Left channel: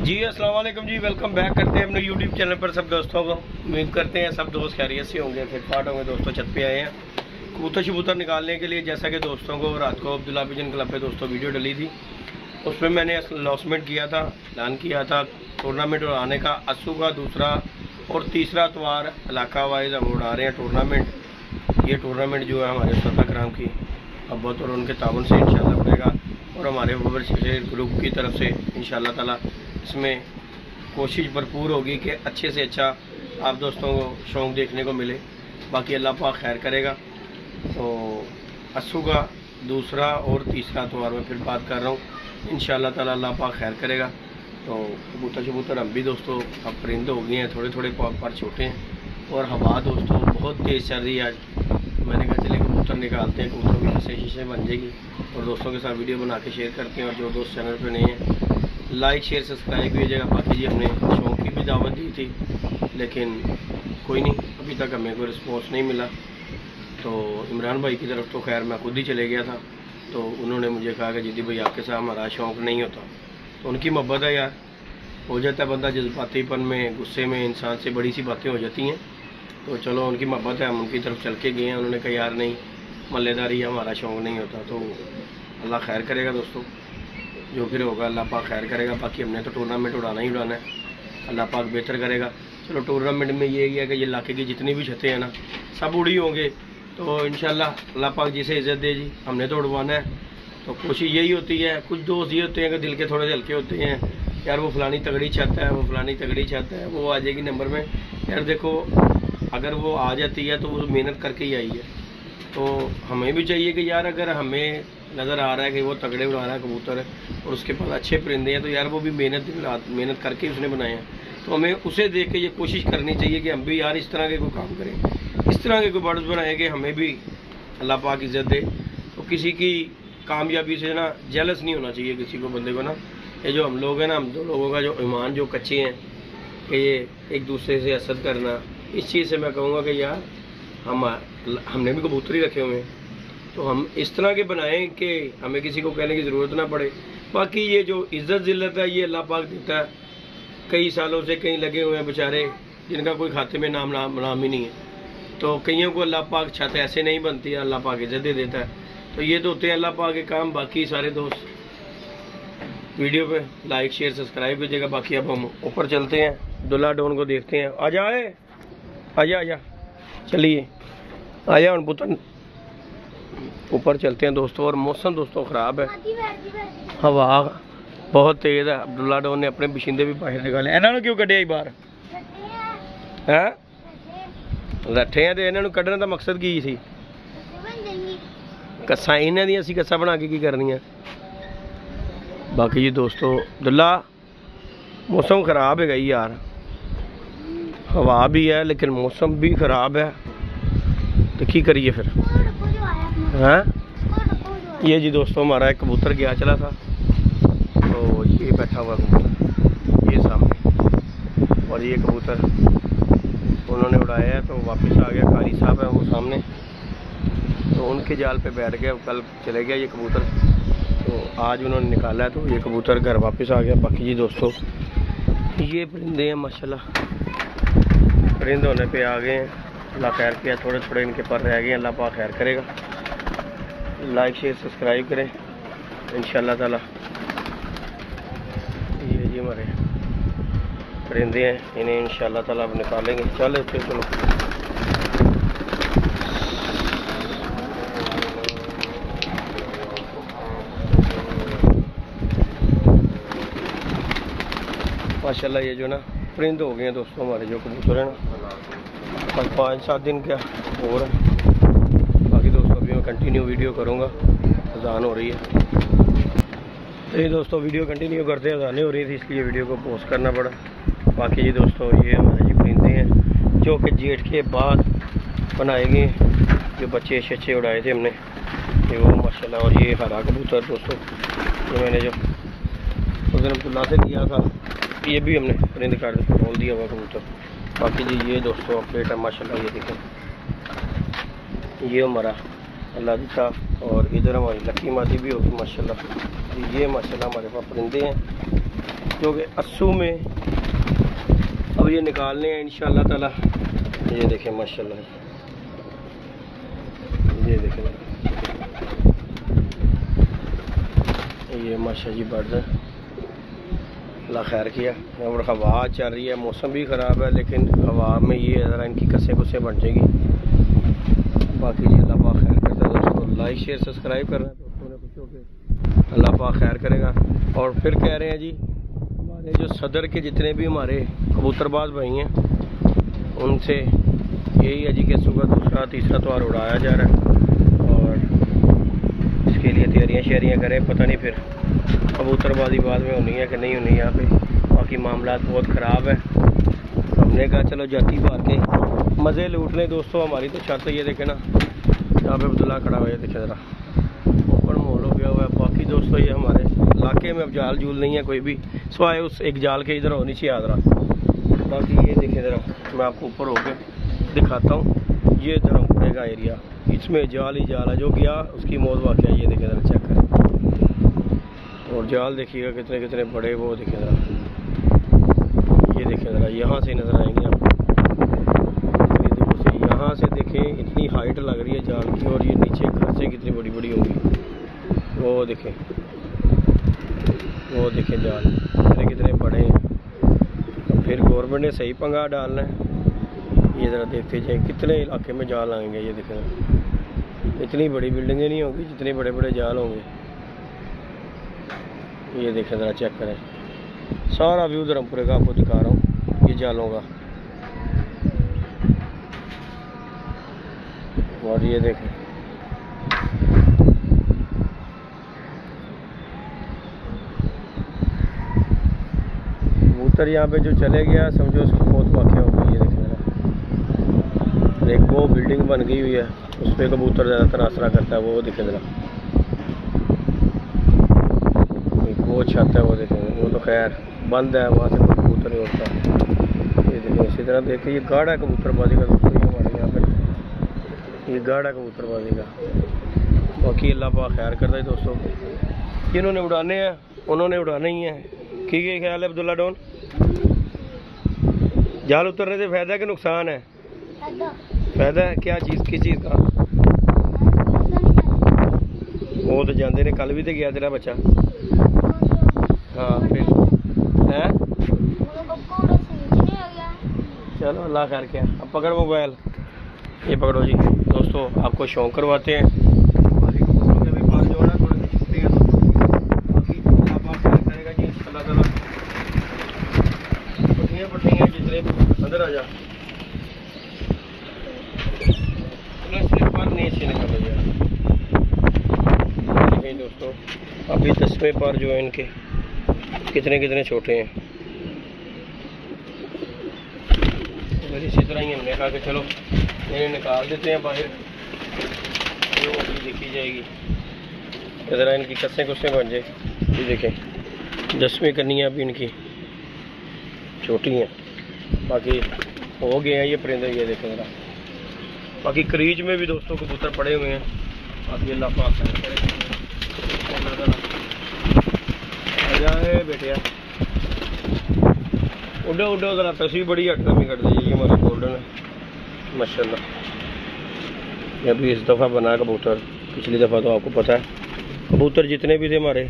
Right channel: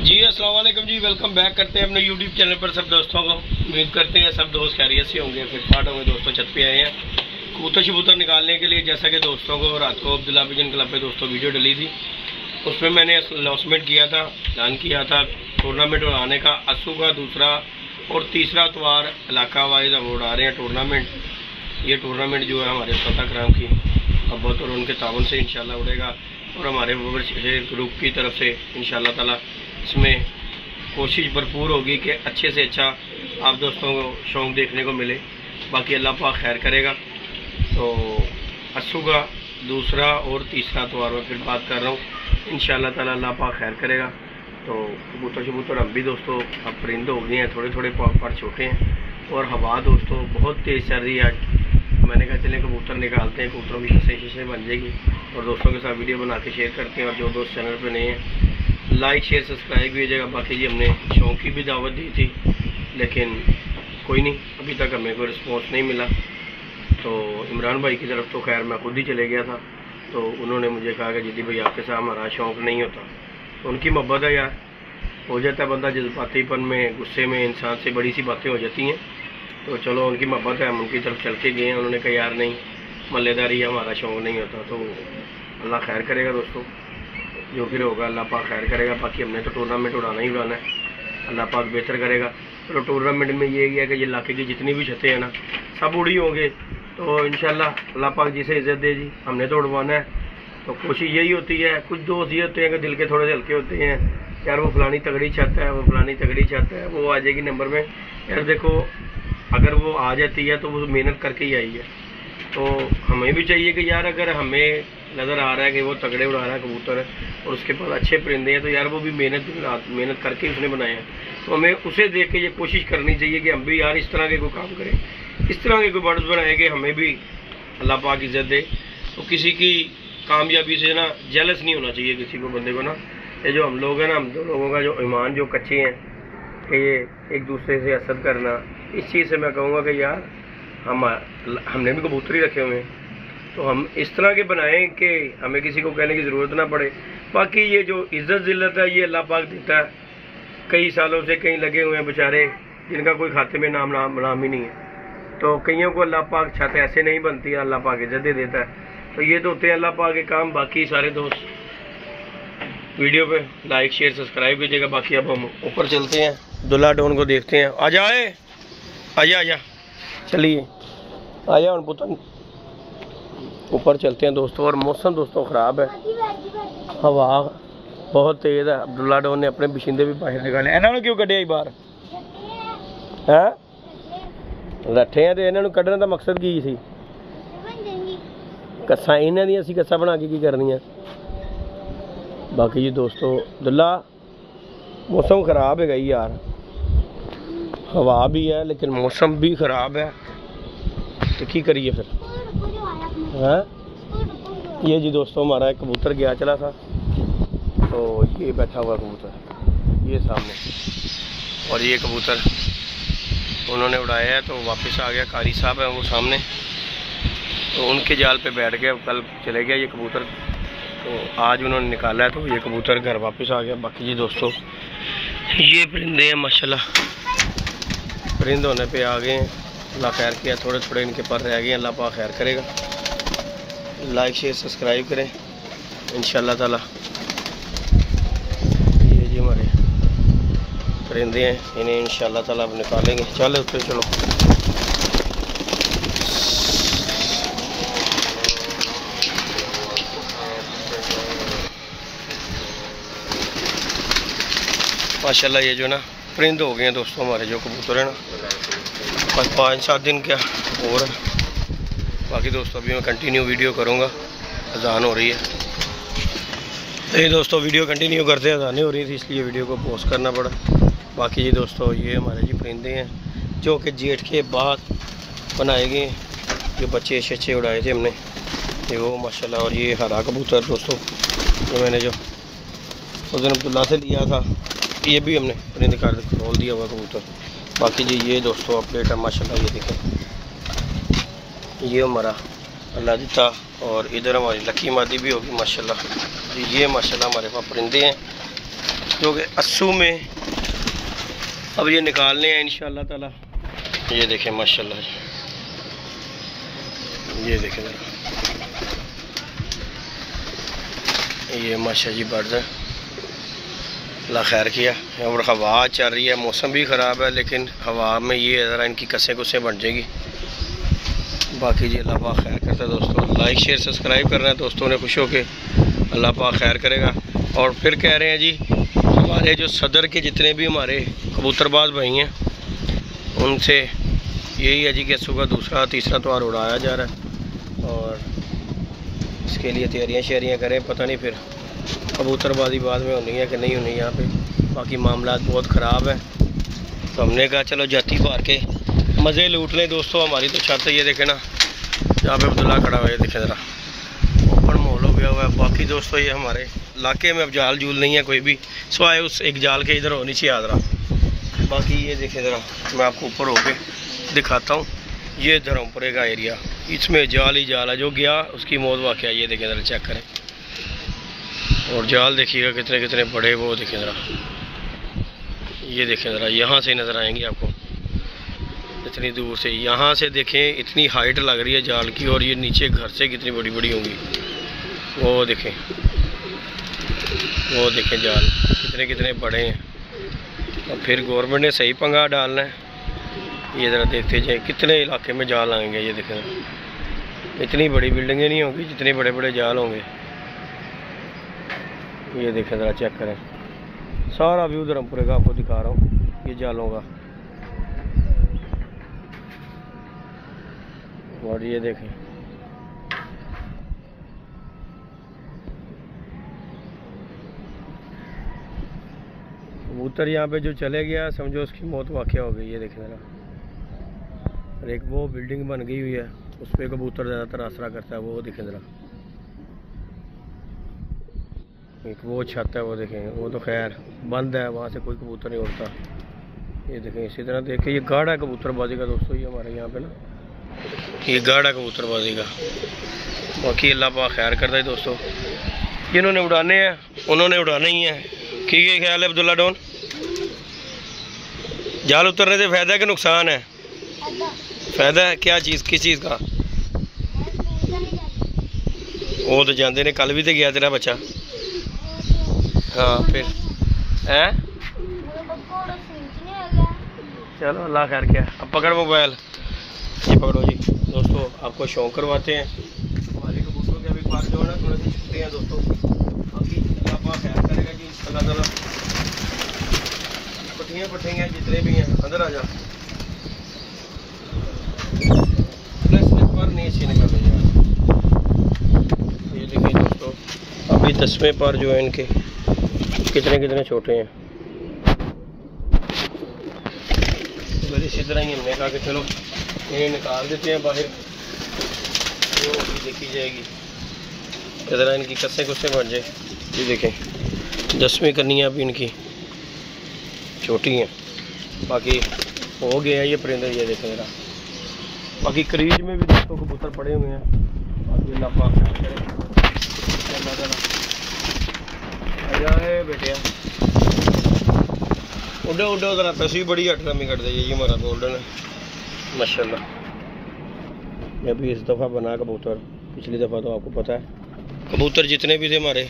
जी अस्सलाम वालेकुम जी, welcome back करते हैं अपने यूट्यूब चैनल पर सब दोस्तों को। उम्मीद करते हैं सब दोस्त खैरियत से होंगे, फिर फाट होंगे। दोस्तों छत पे आए हैं कबूतर शबूतर निकालने के लिए। जैसा कि दोस्तों को रात को अब्दुल्ला पिजन क्लब पे दोस्तों वीडियो डली थी, उसमें मैंने अनाउंसमेंट किया था, ऐलान किया था टूर्नामेंट उड़ाने का। अस्सू का दूसरा और तीसरा इतवार इलाका वाइज हम उड़ा रहे हैं टूर्नामेंट। ये टूर्नामेंट जो है हमारे स्वतः कराम की अब्बत और उनके ताउन से इंशाल्लाह उड़ेगा, और हमारे बबर शेर ग्रुप की तरफ से इंशाल्लाह ताला इसमें कोशिश भरपूर होगी कि अच्छे से अच्छा आप दोस्तों को शौक़ देखने को मिले। बाकी अल्लाह पाक खैर करेगा। तो अस्सू का दूसरा और तीसरा इतवार में फिर बात कर रहा हूँ, इंशाल्लाह ताला अल्लाह पाक खैर करेगा। तो कबूतर शबूतर हम भी दोस्तों अब परिंदे हो गए हैं, थोड़े थोड़े पर छोटे हैं, और हवा दोस्तों बहुत तेज़ चल रही है आज। मैंने कहा चले कबूतर निकालते हैं, कबूतरों की शीशे बन जाएगी और दोस्तों के साथ वीडियो बना के शेयर करते हैं। और जो दोस्त चैनल पे नहीं है लाइक शेयर सब्सक्राइब भी हो जाएगा। बाकी जी हमने शौक़ की भी दावत दी थी, लेकिन कोई नहीं, अभी तक हमें कोई रिस्पॉन्स नहीं मिला। तो इमरान भाई की तरफ तो खैर मैं खुद ही चले गया था, तो उन्होंने मुझे कहा कि जिद्दी भाई आपके साथ हमारा शौक़ नहीं होता। तो उनकी मोहब्बत है यार, हो जाता है बंदा जज्बातीपन में, गुस्से में इंसान से बड़ी सी बातें हो जाती हैं। तो चलो उनकी मोहब्बत है, हम उनकी तरफ चल के गए हैं। उन्होंने कहा यार नहीं, मल्लेदारी हमारा शौक़ नहीं होता। तो अल्लाह खैर करेगा दोस्तों, जो फिर होगा अल्लाह पाक खैर करेगा। बाकी हमने तो टूर्नामेंट उड़ाना ही उड़ाना है, अल्लाह पाक बेहतर करेगा। चलो टूर्नामेंट में ये है कि ये इलाके की जितनी भी छतें हैं ना सब उड़ी होंगे, तो इंशाल्लाह अल्लाह पाक जिसे इज़्ज़त दे जी, हमने तो उड़वाना है। तो कोशिश यही होती है। कुछ दोस्त ये होते हैं कि दिल के थोड़े हल्के होते हैं, यार वो फलानी तगड़ी छत है, वो फलानी तगड़ी छत है, वो आ जाएगी नंबर में। यार देखो, अगर वो आ जाती है तो वो मेहनत करके ही आई है। तो हमें भी चाहिए कि यार अगर हमें नज़र आ रहा है कि वो तगड़े उड़ा रहा है कबूतर है और उसके पास अच्छे परिंदे हैं, तो यार वो भी मेहनत करके उसने बनाए हैं। तो हमें उसे देख के ये कोशिश करनी चाहिए कि हम भी यार इस तरह के कोई काम करें, इस तरह के कोई बर्ड्स बनाए कि हमें भी अल्लाह पाक इज़्ज़त दे। तो किसी की कामयाबी से ना जेलस नहीं होना चाहिए किसी को, बंदे को ना। ये जो हम लोग हैं ना, हम दो लोगों का जो ईमान जो कच्चे हैं कि ये एक दूसरे से हसद करना, इस चीज़ से मैं कहूँगा कि यार हमने भी कबूतर ही रखे हुए हैं, तो हम इस तरह के बनाएं कि हमें किसी को कहने की ज़रूरत ना पड़े। बाकी ये जो इज़्ज़त ज़िल्लत है ये अल्लाह पाक देता है। कई सालों से कहीं लगे हुए हैं बेचारे, जिनका कोई खाते में नाम ही नहीं है। तो कईयों को अल्लाह पाक छत ऐसे नहीं बनती है, अल्लाह पाक इज़्ज़त दे देता है। तो ये तो होते हैं अल्लाह पाक के काम। बाकी सारे दोस्त वीडियो पे लाइक शेयर सब्सक्राइब कीजिएगा। बाकी अब हम ऊपर चलते हैं, दुल्ला डॉन को देखते हैं। आ जाए, आजा चलिए, आया उन पुतन ऊपर चलते हैं दोस्तों। और मौसम दोस्तों ख़राब है, हवा बहुत तेज़ है। अब्दुल्ला डॉन ने अपने बशिंदे भी बाहर निकाले। इन्होंने क्यों कढ़े बाहर है? रखे हैं तो इन्होंने कढ़ने का मकसद की सी? कस्सा इन्हों दी असी कस्सा बना के करनी है। बाकी जी दोस्तों दुल्ला मौसम ख़राब है यार, हवा भी है लेकिन मौसम भी ख़राब है, तो की करिए फिर हैं। ये जी दोस्तों हमारा एक कबूतर गया चला था, तो ये बैठा हुआ कबूतर ये सामने, और ये कबूतर उन्होंने उड़ाया है तो वापस आ गया। कारी साहब है वो सामने, तो उनके जाल पे बैठ गया, कल चले गया ये कबूतर। तो आज उन्होंने निकाला है तो ये कबूतर घर वापस आ गया। बाकी जी दोस्तों ये परिंदे हैं माशाल्लाह, परिंदे होने पे आ गए हैं, अल्लाह खैर किया। थोड़े थोड़े इनके पर रह गए, अल्लाह पाक खैर करेगा। लाइक शेयर सब्सक्राइब करें इंशाल्लाह ताला। ये जी हमारे परिंदे हैं, इन्हें इंशाल्लाह ताला अब निकालेंगे। चलो तो चलो माशाल्लाह। ये जो ना परिंदे हो गए हैं दोस्तों हमारे जो कबूतर है ना, बस 5-7 दिन क्या और है। बाकी दोस्तों अभी मैं कंटिन्यू वीडियो करूँगा, अजान हो रही है। तो ये दोस्तों वीडियो कंटिन्यू करते हैं, अजानें हो रही थी इसलिए वीडियो को पोस्ट करना पड़ा। बाकी ये दोस्तों ये हमारे जी परिंदे हैं जो कि जेठ के बाद बनाए गए, जो बच्चे अच्छे उड़ाए थे हमने, ये वो माशाल्लाह। और ये हरा कबूतर दोस्तों जो मैंने जो उस दिन अब्दुल्ला से लिया था, ये भी हमने परिंद कर खोल दिया हुआ कबूतर। बाकी जी ये दोस्तों अपडेट है माशाल्लाह। ये देखो ये हमारा अल्लाह दिता, और इधर हमारी लकी मादी भी होगी माशाल्लाह जी। ये माशाल्लाह हमारे पास परिंदे हैं। जो कि अस्सू में अब ये निकालने हैं इंशाअल्लाह ताला। ये देखें माशाल्लाह, ये देखें ज़रा, ये माशा जी बर्ड्स हैं, अल्लाह खैर किया। और हवा चल रही है, मौसम भी ख़राब है, लेकिन हवा में ये ज़रा इनकी कसें कुसें बन जाएगी। बाकी जी अल्लाह पाक खैर करता है दोस्तों। लाइक शेयर सब्सक्राइब करना है दोस्तों ने, खुश हो के अल्लाह पाक खैर करेगा। और फिर कह रहे हैं जी, हमारे जो सदर के जितने भी हमारे कबूतरबाज भाई हैं, उनसे यही है जी कि सुबह दूसरा तीसरा त्यौहार उड़ाया जा रहा है और इसके लिए तैयारियाँ शहरियाँ करें। पता नहीं फिर कबूतरबाजी बाद में होनी है कि नहीं होनी यहाँ पे। बाकी मामला बहुत ख़राब है, तो हमने कहा चलो जाती बार के मज़े लूट लें दोस्तों। हमारी तो छत ये देखे ना, यहाँ पे अब्दुल्ला खड़ा हुआ है, देखे ज़रा ओपन माहौल हो गया हुआ है। बाकी दोस्तों ये हमारे इलाके में अब जाल जूल नहीं है कोई भी, सिवाय उस एक जाल के इधर हो नीचे आ रहा। बाकी ये देखें ज़रा, मैं आपको ऊपर होके दिखाता हूँ। ये धर्मपुरे का एरिया, इसमें जाल ही जाल है, जो गया उसकी मौत वाक़या। ये देखें ज़रा, चेक करें। और जाल देखिएगा कितने कितने बड़े, वो देखें ज़रा, ये देखें ज़रा, यहाँ से नज़र आएंगे आपको इतनी दूर से। यहाँ से देखें इतनी हाइट लग रही है जाल की, और ये नीचे घर से कितनी बड़ी बड़ी होंगी। वो देखें, वो देखें जाल कितने कितने बड़े हैं। और फिर गवर्नमेंट ने सही पंगा डालना है। ये ज़रा देखते जाए कितने इलाके में जाल आएंगे। ये देखें, इतनी बड़ी बिल्डिंगें नहीं होंगी जितने बड़े बड़े जाल होंगे। ये देखें ज़रा, चेक करें, सारा व्यू धर्मपुरे का आपको दिखा रहा हूँ ये जालों का। और ये देखें, कबूतर यहाँ पे जो चले गया समझो उसकी मौत वाक़या हो गई। ये देखें ज़रा, एक वो बिल्डिंग बन गई हुई है, उस पर कबूतर ज़्यादातर आसरा करता है। वो देखें ज़रा, वो छत है, वो देखें, वो तो खैर बंद है, वहाँ से कोई कबूतर नहीं उड़ता। ये देखें, इसी तरह देखें, ये गाढ़ा कबूतरबाजी का दोस्तों, ये हमारे यहाँ पे ना ये गाढ़ा कबूतरबाजी का। बाकी अल्लाह पाक खैर करता है दोस्तों। जिन्होंने उड़ाने हैं उन्होंने उड़ाने ही हैं। ठीक है, ख्याल है अब्दुल्ला डॉन? जाल उतरने से फ़ायदा है कि नुकसान है? फ़ायदा है। क्या चीज़, किस चीज़ का? वो तो जानते ने, कल भी तो गया तेरा बच्चा। हाँ फिर हैं, चलो अल्लाह खैर किया। अब पकड़ मोबाइल, ये पकड़ो जी दोस्तों, आपको शौक करवाते हैं। बाकी कबूतरों के भी पास जो है ना थोड़ी सी छुट्टी हैं दोस्तों। बाकी अल्लाह पाक खैर करेगा जी, अल्लाह ताला। पट्टियाँ पट्टियाँ जितने भी हैं अंदर आ जा, स्लिप पर नहीं अच्छी निकाल यार। देखिए दोस्तों, अभी 10वें पर जो है इनके कितने कितने छोटे हैं। तो इसी तरह ही हमने कहा कि चलो इन्हें निकाल देते हैं बाहर, वो देखी जाएगी ज़रा इनकी कस्सें कुस्सें बन जाए। ये देखें 10वीं करनी है अभी इनकी, छोटी हैं। बाकी हो गए हैं ये परिंदे, ये देखें ज़रा। बाकी क्रीज में भी दोस्तों कबूतर पड़े हुए हैं। बाकी अल्लाह पाक खैर करे। आजा है बेटिया, उड़ो उड़ो ज़रा, तस्वीर बड़ी हटरमी कर दी। ये हमारा गोल्डन है माशाल्लाह। ये भी इस दफ़ा बना कबूतर, पिछली दफ़ा तो आपको पता है कबूतर जितने भी थे हमारे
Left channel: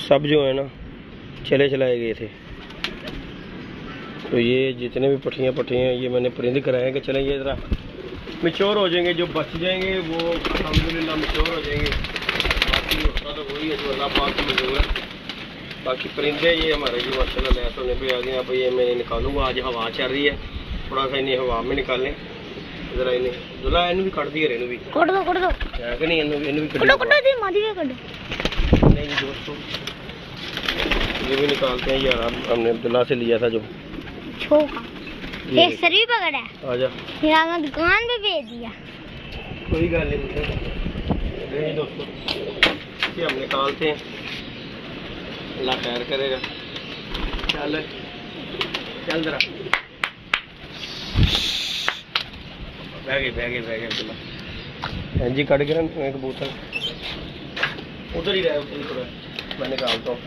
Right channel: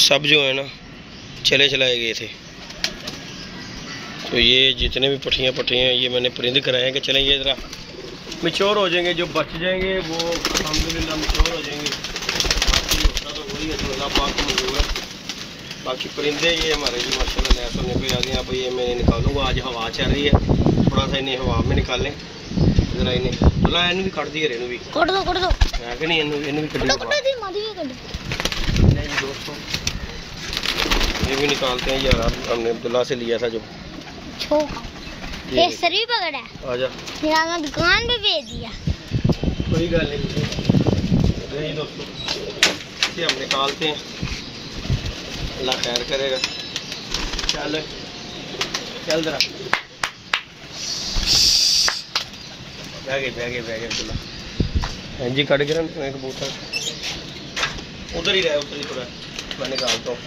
सब जो है ना चले चलाए गए थे। तो ये जितने भी पट्टियाँ ये मैंने परिंद कराए हैं कि चलें ये ज़रा मिच्योर हो जाएंगे। जो बच जाएंगे वो अल्हम्दुलिल्लाह मिच्योर हो जाएंगे। बाकी उसका तो वही है जो अल्लाह पाक को मंजूर है। बाकी परिंदे ये हमारे जी माशाल्लाह लैस होने पे आ गए। अब ये मैं निकालूंगा, आज हवा चल रही है, थोड़ा सा इन्हें हवा में निकालें ज़रा। इन्हें बुला, इन्हें भी कट दिए, इन्हें भी कट दो है कि नहीं, इन्हें भी कट नहीं जी दोस्तों। ये भी निकालते हैं यार, हमने अब्दुल्ला से लिया था जो ये सर भी पकड़ा है। आजा, फिर दुकान पे भेज दिया, कोई गल नहीं दोस्तों। ये हम निकालते हैं, अल्लाह खैर करेगा। चल चल जरा, बह गए अब्दुल्ला। हाँ जी, कट गया कबूतर, उधर ही रहे, उधर ही थोड़ा मैं निकालता हूँ।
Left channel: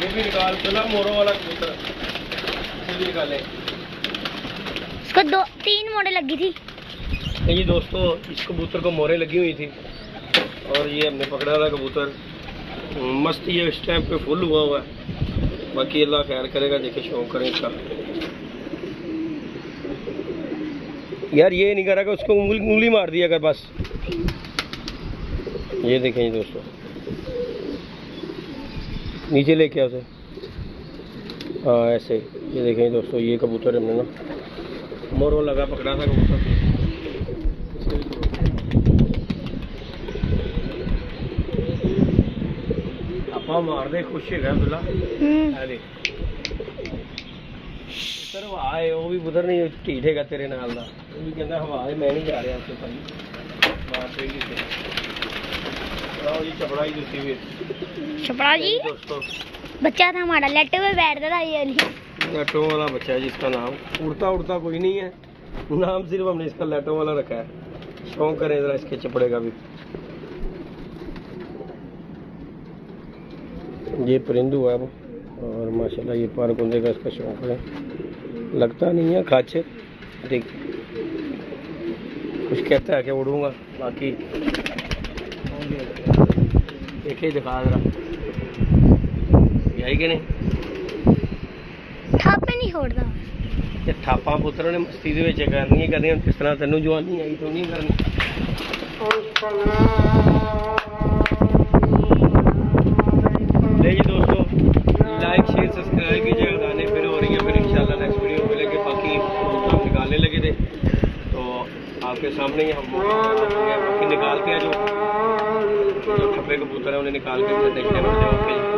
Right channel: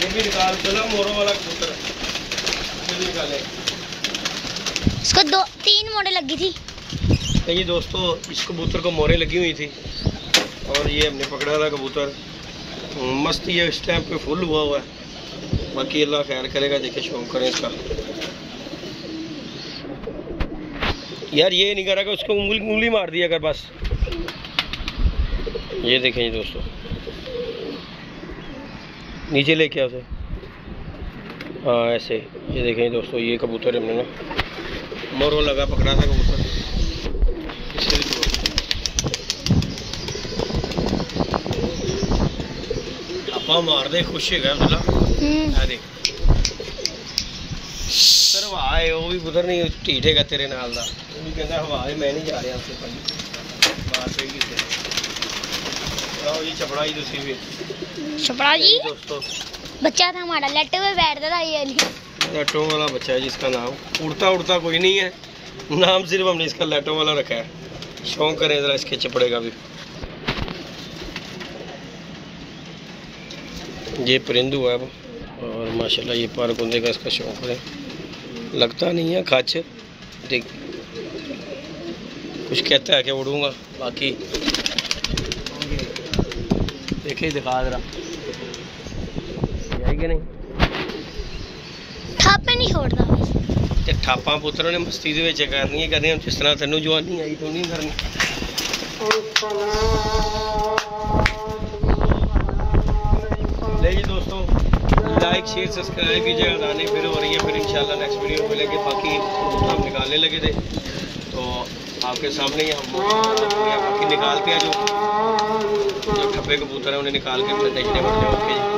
ये भी निकाल चला मोरों वाला कबूतर, ये भी निकाले। इसको 2-3 मोड़े लगी थी। ये दोस्तों इस कबूतर को मोरे लगी हुई थी और ये हमने पकड़ा था कबूतर। मस्त ये इस टाइम पे फुल हुआ हुआ है। बाकी अल्लाह खैर करेगा, देखे शौक करें इसका। यार ये नहीं करा कि उसको उंगली मार दिया कर बस। ये देखें जी दोस्तों, नीचे लेके आओ उसे। हाँ ऐसे, ये देखें दोस्तों, ये कबूतर हमने ना मोरों लगा पकड़ा था कबूतर। आपा मार दे, खुश है अब्दुल्ला। देख पुत्र हवा है, वो भी पुत्र नहीं ढीठ है तेरे नाल दा। वो भी कहता हवा है, मैं नहीं जा रहा उससे भाई, मार पेगी से। आओ जी छपड़ा जी, तुसी भी छपड़ा जी दोस्तों बच्चा था हमारा, लेटे हुए बैठता था ये नहीं। लैटों वाला बच्चा है जिसका नाम उड़ता उड़ता कोई नहीं है, नाम सिर्फ हमने इसका लैटों वाला रखा है। शौक करें ज़रा इसके चपड़े का भी। ये परिंदू है अब, और माशाल्लाह ये पर कुंदे का इसका शौक है। लगता नहीं है खाच, देख कुछ कहता है कि उड़ूंगा, बाकी देखे दिखा जरा कि नहीं। थापे नहीं छोड़ता बस। ते थापा पुत्र ने मस्ती दे विच करनी कदें जिस तरह तेनू जवानी आई तू नहीं करनी। ले जी दोस्तों, लाइक शेयर सब्सक्राइब कीजिएगा। गाने फिर हो रही है, फिर इंशाल्लाह नेक्स्ट वीडियो मिलेंगे। बाकी हम निकालने लगे थे तो आपके सामने ही हम बाकी निकालते हैं। जो ठप्पे कबूतर है उन्हें निकाल के फिर देखने पड़ते हैं। ओके जी।